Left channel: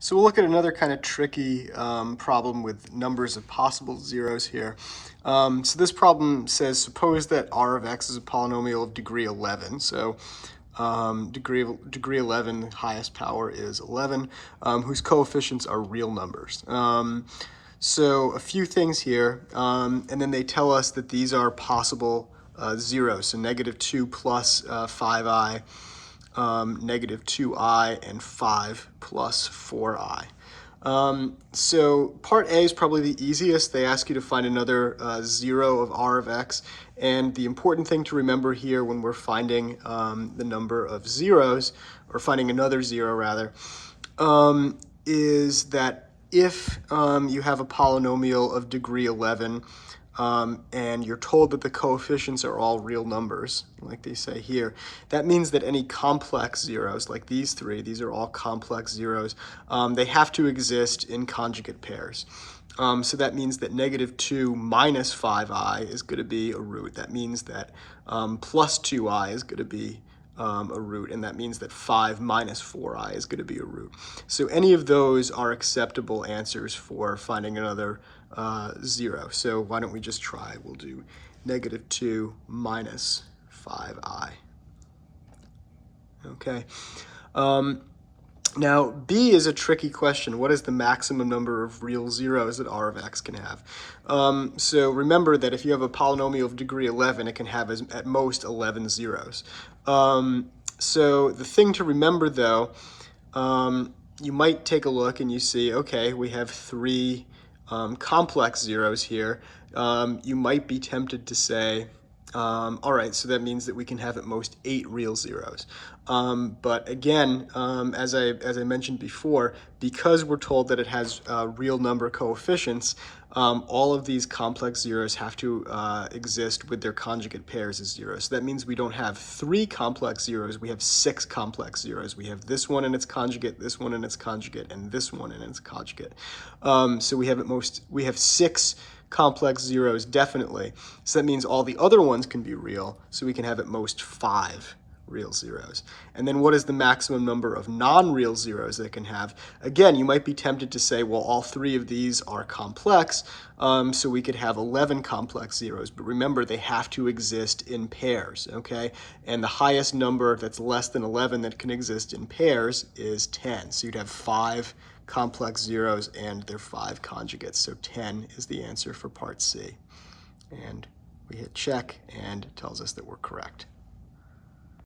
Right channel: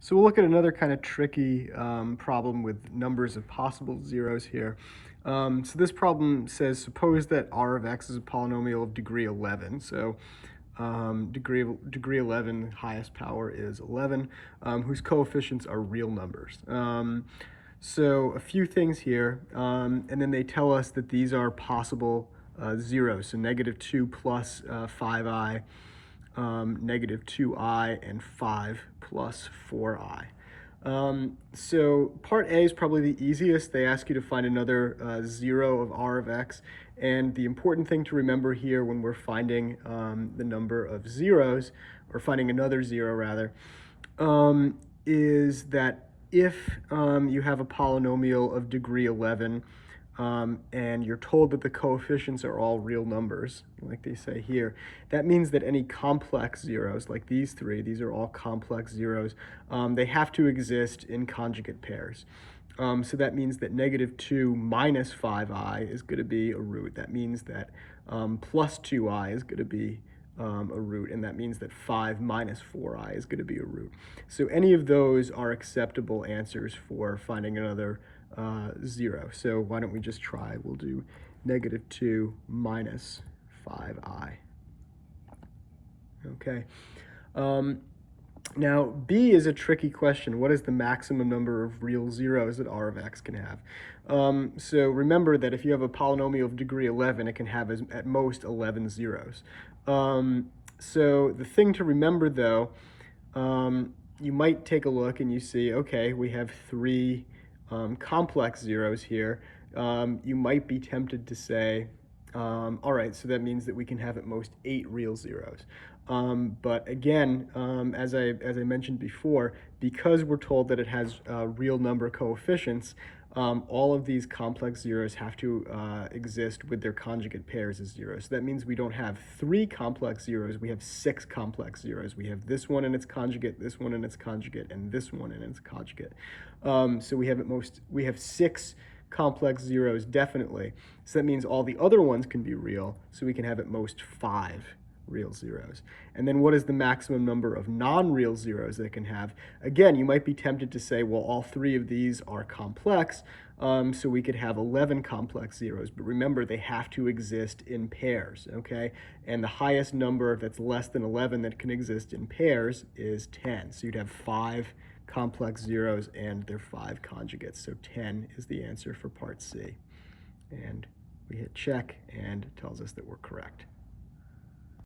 So we'll look at another kind of tricky problem with numbers of possible zeros here. So this problem says, suppose that r of x is a polynomial of degree 11. So degree 11, highest power is 11, whose coefficients are real numbers. So a few things here, and then they tell us that these are possible zeros. So -2 plus 5i, -2i, and 5 plus 4i. So part A is probably the easiest. They ask you to find another zero of r of x. And the important thing to remember here when we're finding the number of zeros, or finding another zero rather, is that if you have a polynomial of degree 11, and you're told that the coefficients are all real numbers, like they say here, that means that any complex zeros, like these three, these are all complex zeros, they have to exist in conjugate pairs. So that means that -2 minus 5i is going to be a root. That means that plus 2i is going to be a root, and that means that 5 minus 4i is going to be a root. So any of those are acceptable answers for finding another zero. So why don't we just try? We'll do -2 minus 5i. Okay. Now, B is a tricky question. What is the maximum number of real zeros that r of x can have? So remember that if you have a polynomial of degree 11, it can have at most 11 zeros. So the thing to remember, though, you might take a look and you see, okay, we have three complex zeros here. You might be tempted to say, all right, so that means that we can have at most 8 real zeros. But again, as I mentioned before, because we're told that it has real number coefficients, all of these complex zeros have to exist with their conjugate pairs as zeros. So that means we don't have 3 complex zeros, we have 6 complex zeros. We have this one and its conjugate, this one and its conjugate, and this one and its conjugate. So we have 6 complex zeros definitely. So that means all the other ones can be real, so we can have at most 5 real zeros. And then what is the maximum number of non-real zeros that it can have? Again, you might be tempted to say, well, all 3 of these are complex, so we could have 11 complex zeros. But remember, they have to exist in pairs, okay? And the highest number that's less than 11 that can exist in pairs is 10. So you'd have 5 complex zeros and their 5 conjugates. So 10 is the answer for part C. And we hit check, and it tells us that we're correct.